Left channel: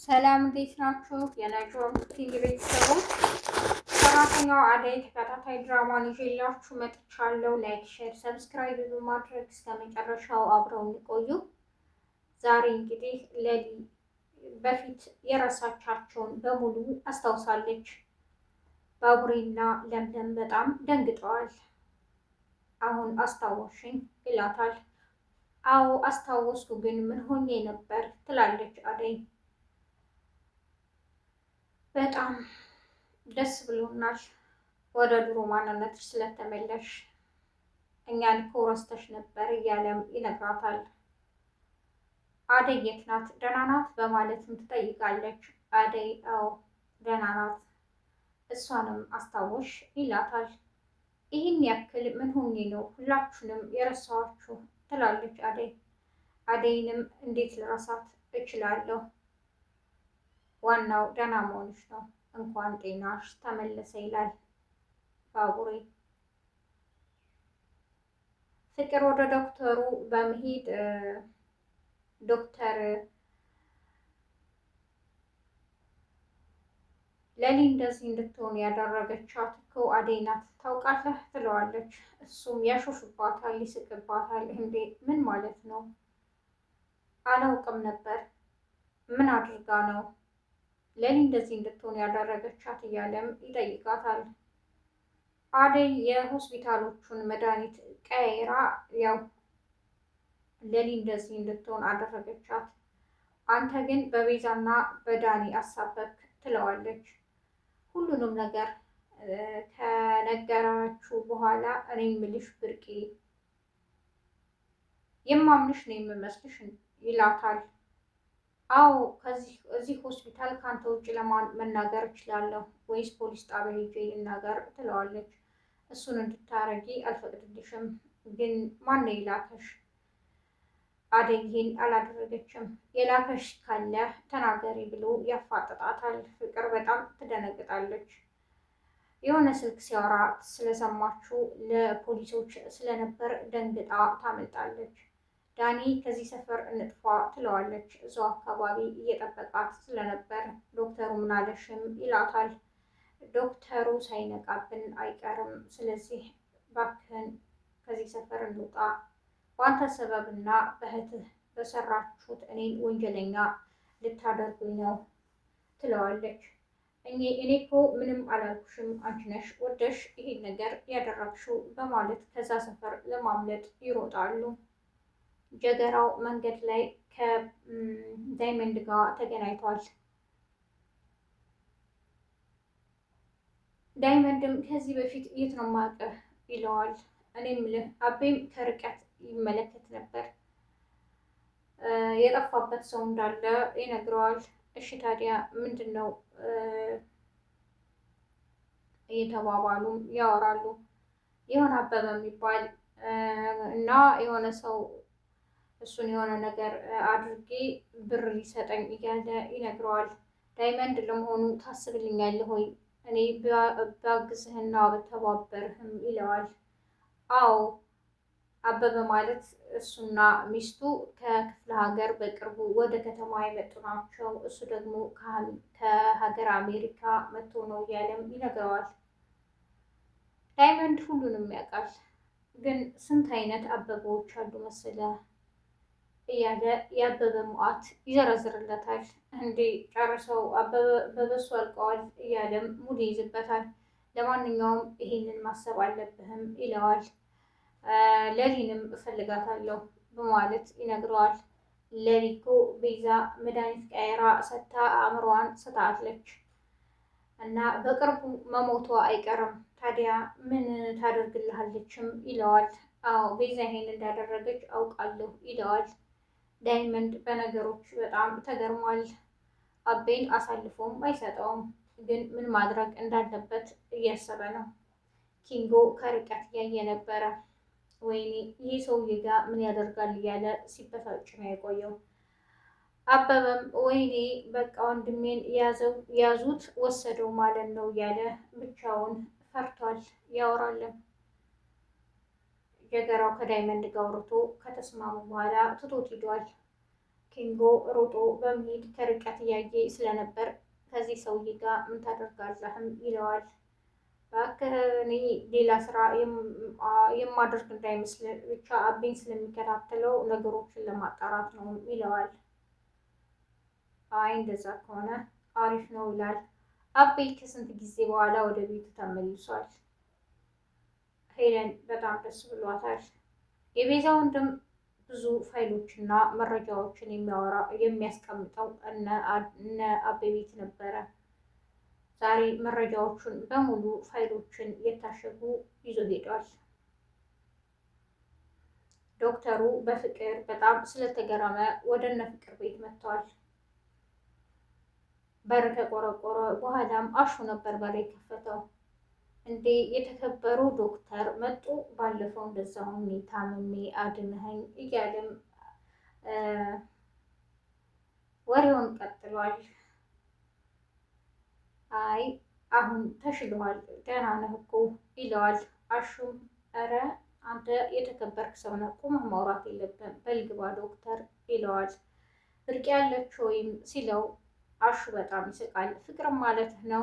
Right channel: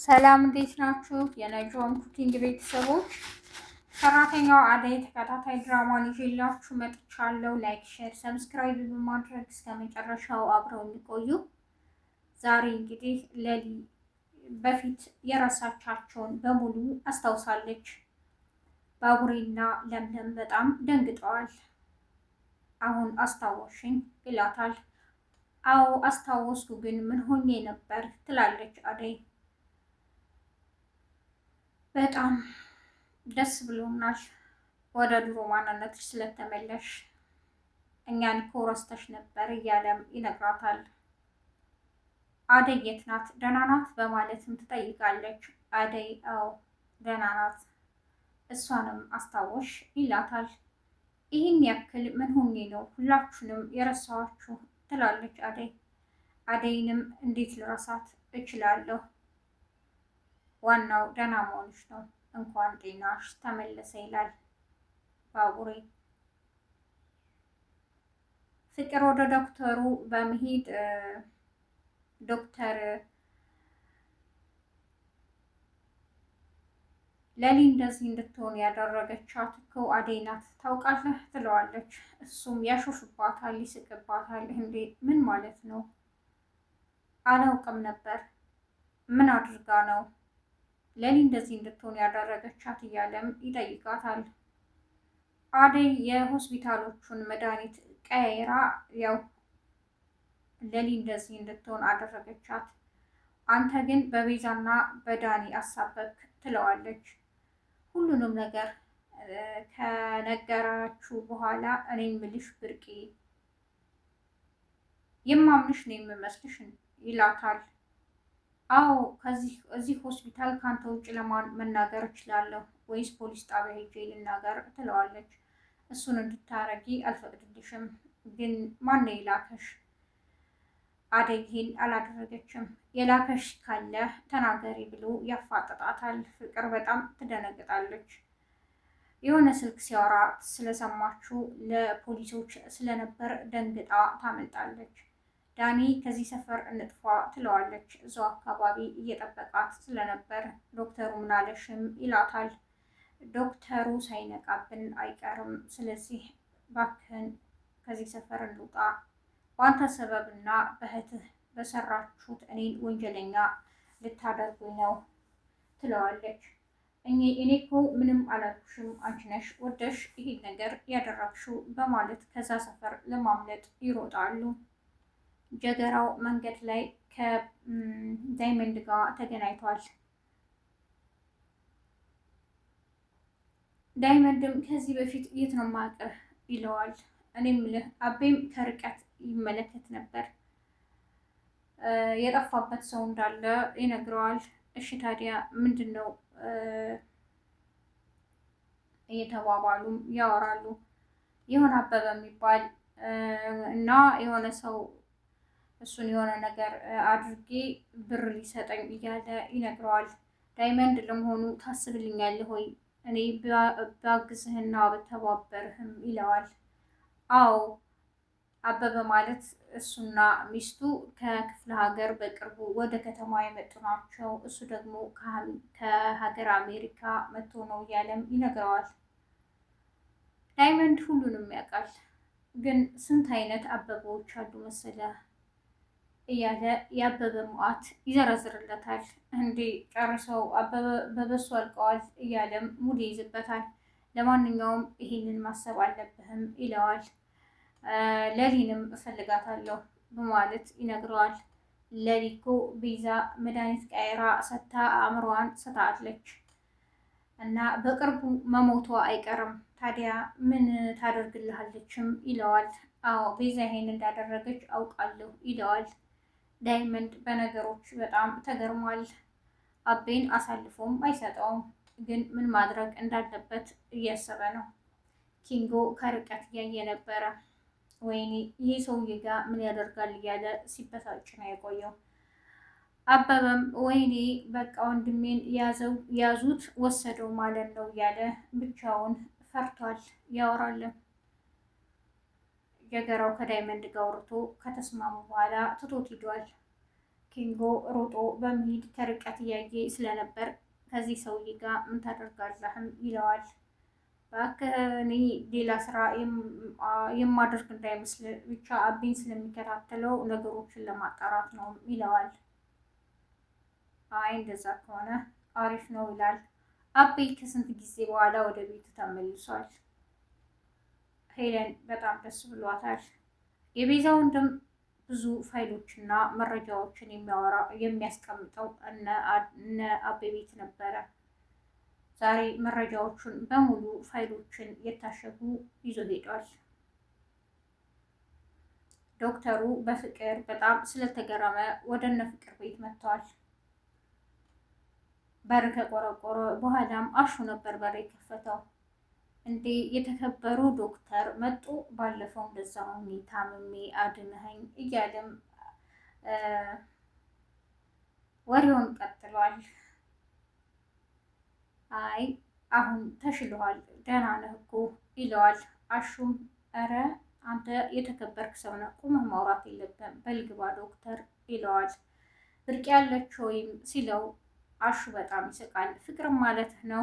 ሰላም እንዴት ናችሁ? የነጆን ኩኪንግ ቤተሰቦች ሰራተኛዋ አደይ ተከታታይ ድራማን ይዤላችሁ መጥቻለሁ። ላይክ፣ ሼር፣ ሰብስክራይብ በማድረግ እስከ መጨረሻው አብረውን ይቆዩ። ዛሬ እንግዲህ ለሊ በፊት የረሳቻቸውን በሙሉ አስታውሳለች። ባቡሬና ለምለም በጣም ደንግጠዋል። አሁን አስታወሽኝ ይላታል። አዎ አስታወስኩ፣ ግን ምን ሆኜ ነበር ትላለች አደይ። በጣም ደስ ብሎናል ወደ ድሮ ማንነትሽ ስለተመለሽ፣ እኛን እኮ ረስተሽ ነበር እያለም ይነግራታል። አደይ የት ናት? ደህና ናት? በማለትም ትጠይቃለች። አደይ አዎ ደህና ናት፣ እሷንም አስታወሽ ይላታል። ይህን ያክል ምን ሆኜ ነው ሁላችሁንም የረሳኋችሁ? ትላለች አደይ። አደይንም እንዴት ልረሳት እችላለሁ? ዋናው ደህና መሆንሽ ነው፣ እንኳን ጤናሽ ተመለሰ ይላል ባቡሬ። ፍቅር ወደ ዶክተሩ በመሄድ ዶክተር ለሊ እንደዚህ እንድትሆን ያደረገቻት እኮ አደይ ናት ታውቃለህ ትለዋለች። እሱም ያሾፍባታል፣ ይስቅባታል። እንዴ ምን ማለት ነው? አላውቅም ነበር። ምን አድርጋ ነው ለሊ እንደዚህ እንድትሆን ያደረገቻት እያለም ይጠይቃታል። አደይ የሆስፒታሎቹን መድኃኒት ቀይራ ያው ለሊ እንደዚህ እንድትሆን አደረገቻት። አንተ ግን በቤዛና በዳኒ አሳበብክ ትለዋለች። ሁሉንም ነገር ከነገራችሁ በኋላ እኔ ምልሽ ብርቄ የማምንሽ ነው የምመስልሽ ይላታል። አዎ እዚህ ሆስፒታል ካንተ ውጭ ለማን መናገር እችላለሁ? ወይስ ፖሊስ ጣቢያ ሄጄ ልናገር? ትለዋለች። እሱን እንድታረጊ አልፈቅድልሽም። ግን ማን ነው የላከሽ? አደይ ይሄን አላደረገችም። የላከሽ ካለ ተናገሪ ብሎ ያፋጥጣታል። ፍቅር በጣም ትደነግጣለች። የሆነ ስልክ ሲያወራ ስለሰማችሁ ለፖሊሶች ስለነበር ደንግጣ ታመልጣለች። ዳኒ ከዚህ ሰፈር እንጥፋ ትለዋለች። እዛው አካባቢ እየጠበቃት ስለነበር ዶክተሩ ምናለሽም ይላታል። ዶክተሩ ሳይነቃብን አይቀርም፣ ስለዚህ ባክህን ከዚህ ሰፈር እንውጣ፣ በአንተ ሰበብና በእህትህ በሰራችሁት እኔን ወንጀለኛ ልታደርጉኝ ነው ትለዋለች። እኔ እኮ ምንም አላልኩሽም፣ አንቺ ነሽ ወደሽ ይሄን ነገር ያደረግሽው በማለት ከዛ ሰፈር ለማምለጥ ይሮጣሉ። ጀገራው መንገድ ላይ ከዳይመንድ ጋር ተገናኝቷል። ዳይመንድም ከዚህ በፊት የት ነው የማውቅህ ይለዋል። እኔ የምልህ አቤም ከርቀት ይመለከት ነበር፣ የጠፋበት ሰው እንዳለ ይነግረዋል። እሺ ታዲያ ምንድን ነው እየተባባሉም ያወራሉ። የሆነ አበበ የሚባል እና የሆነ ሰው እሱን የሆነ ነገር አድርጌ ብር ሊሰጠኝ እያለ ይነግረዋል። ዳይመንድ ለመሆኑ ታስብልኛለህ ወይ እኔ ባግዝህና በተባበርህም ይለዋል። አዎ አበበ ማለት እሱና ሚስቱ ከክፍለ ሀገር በቅርቡ ወደ ከተማ የመጡ ናቸው። እሱ ደግሞ ከሀገር አሜሪካ መጥቶ ነው እያለም ይነግረዋል። ዳይመንድ ሁሉንም ያውቃል፣ ግን ስንት አይነት አበበዎች አሉ መሰለህ እያለ የአበበ ሙዓት ይዘረዝርለታል። እንዴ ጨርሰው አበበ በበሱ አልቀዋል እያለም ሙሉ ይይዝበታል። ለማንኛውም ይሄንን ማሰብ አለብህም ይለዋል። ለሊንም እፈልጋታለሁ በማለት ይነግረዋል። ለሊ እኮ ቤዛ መድኃኒት ቀይራ ሰታ አእምሮዋን ስታለች እና በቅርቡ መሞቷ አይቀርም። ታዲያ ምን ታደርግልሃለችም ይለዋል። አዎ ቤዛ ይሄን እንዳደረገች አውቃለሁ ይለዋል። ዳይመንድ በነገሮች በጣም ተገርሟል። አቤን አሳልፎም አይሰጠውም፣ ግን ምን ማድረግ እንዳለበት እያሰበ ነው። ኪንጎ ከርቀት እያየ ነበረ። ወይኔ ይህ ሰውዬ ጋር ምን ያደርጋል እያለ ሲበሳጭ ነው የቆየው። አበበም ወይኔ በቃ ወንድሜን ያዙት ወሰደው ማለት ነው እያለ ብቻውን ፈርቷል። ያወራለም ጀገራው ከዳይመንድ ጋር አውርቶ ከተስማሙ በኋላ ትቶት ሂዷል። ኪንጎ ሮጦ በመሄድ ከርቀት እያየ ስለነበር ከዚህ ሰውዬ ጋር ምን ታደርጋለህም ይለዋል። እባክህ እኔ ሌላ ስራ የማደርግ እንዳይመስል ብቻ አቤን ስለሚከታተለው ነገሮችን ለማጣራት ነው ይለዋል። አይ እንደዛ ከሆነ አሪፍ ነው ይላል። አቤ ከስንት ጊዜ በኋላ ወደ ቤቱ ተመልሷል። ሄለን በጣም ደስ ብሏታል። የቤዛ ወንድም ብዙ ፋይሎችና መረጃዎችን የሚያስቀምጠው እነ አቤ ቤት ነበረ። ዛሬ መረጃዎቹን በሙሉ ፋይሎችን የታሸጉ ይዞ ሄዷል። ዶክተሩ በፍቅር በጣም ስለተገረመ ወደ እነ ፍቅር ቤት መጥተዋል። በር ከቆረቆረ በኋላም አሹ ነበር በር የከፈተው። እንዴ የተከበሩ ዶክተር መጡ፣ ባለፈው እንደዛ ሆኜ ታምሜ አድነኸኝ እያለም ወሬውን ቀጥሏል። አይ አሁን ተሽሏል፣ ደህና ነህ እኮ ይለዋል። አሹም እረ አንተ የተከበርክ ሰው ነህ፣ ቁመህ ማውራት የለብህም በልግባ ዶክተር ይለዋል። ብርቅ ያለች ወይም ሲለው አሹ በጣም ይስቃል። ፍቅርም ማለትህ ነው?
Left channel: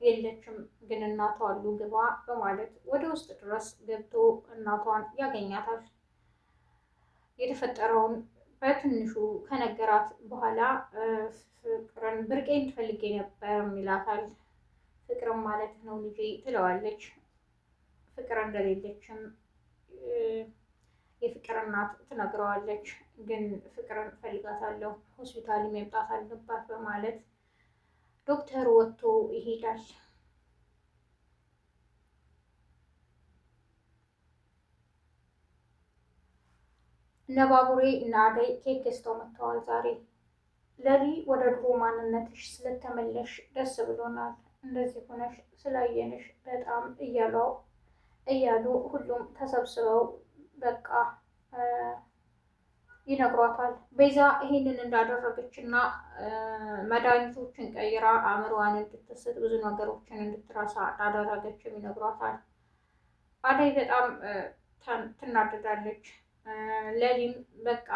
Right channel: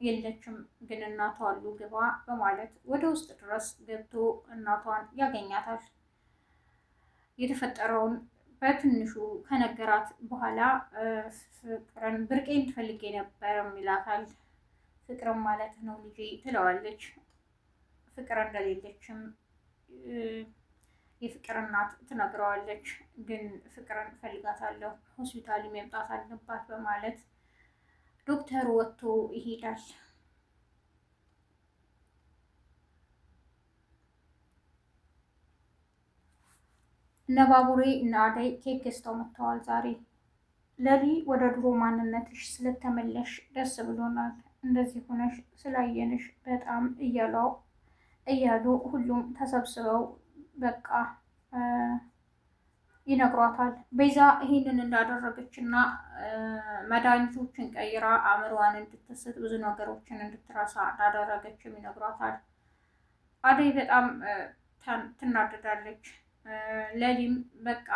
የለችም ግን እናቷ አሉ ግባ በማለት ወደ ውስጥ ድረስ ገብቶ እናቷን ያገኛታል። የተፈጠረውን በትንሹ ከነገራት በኋላ ፍቅርን ብርቄን ትፈልጌ ነበር ይላታል። ፍቅርን ማለት ነው ልጄ ትለዋለች። ፍቅር እንደሌለችም የፍቅር እናት ትነግረዋለች። ግን ፍቅርን እፈልጋታለሁ፣ ሆስፒታል መምጣት አለባት በማለት ዶክተሩ ወጥቶ ይሄዳል። እነ ባቡሬ እና አደይ ኬክ ገዝተው መጥተዋል ዛሬ። ለሊ ወደ ድሮ ማንነትሽ ስለተመለሽ ደስ ብሎናል፣ እንደዚህ ሆነሽ ስላየንሽ በጣም እያሉ ሁሉም ተሰብስበው በቃ ይነግሯታል። ቤዛ ይህንን እንዳደረገች እና መድኃኒቶችን ቀይራ አእምሮዋን እንድትስት ብዙ ነገሮችን እንድትረሳ እንዳደረገችም ይነግሯታል። አደይ በጣም ትናደዳለች። ለሊም በቃ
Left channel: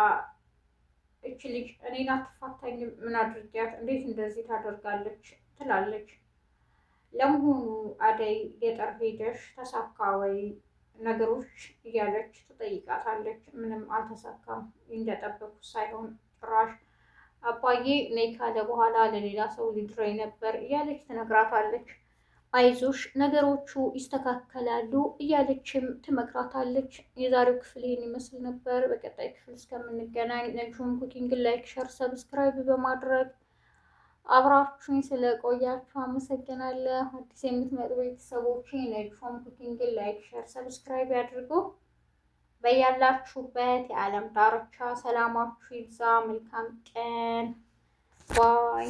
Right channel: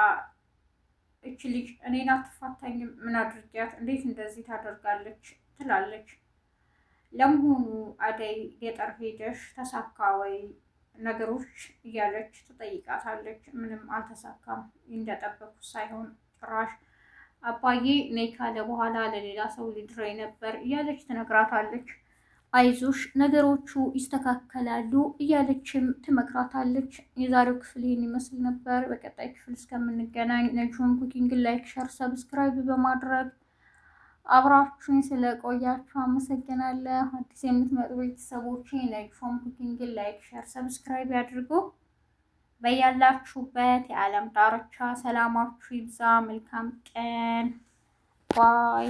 እች ልጅ እኔን አትፋታኝም፣ ምን አድርጊያት እንዴት እንደዚህ ታደርጋለች ትላለች። ለመሆኑ አደይ ገጠር ሄደሽ ተሳካ ወይ ነገሮች እያለች ትጠይቃታለች። ምንም አልተሳካም፣ እንደጠበቁት ሳይሆን ጭራሽ አባዬ ነይ ካለ በኋላ ለሌላ ሰው ሊድረኝ ነበር እያለች ትነግራታለች። አይዞሽ ነገሮቹ ይስተካከላሉ እያለችም ትመክራታለች። የዛሬው ክፍል ይህን ይመስል ነበር። በቀጣይ ክፍል እስከምንገናኝ ነጅሆም ኩኪንግ ላይክ፣ ሸር፣ ሰብስክራይብ በማድረግ አብራችሁኝ ስለቆያችሁ አመሰግናለሁ። አዲስ የምትመጡ ቤተሰቦች ነጅሆም ኩኪንግ ላይክ፣ ሸር፣ ሰብስክራይብ ያድርጉ። በያላችሁበት የዓለም ዳርቻ ሰላማችሁ ይብዛ። መልካም ቀን ባይ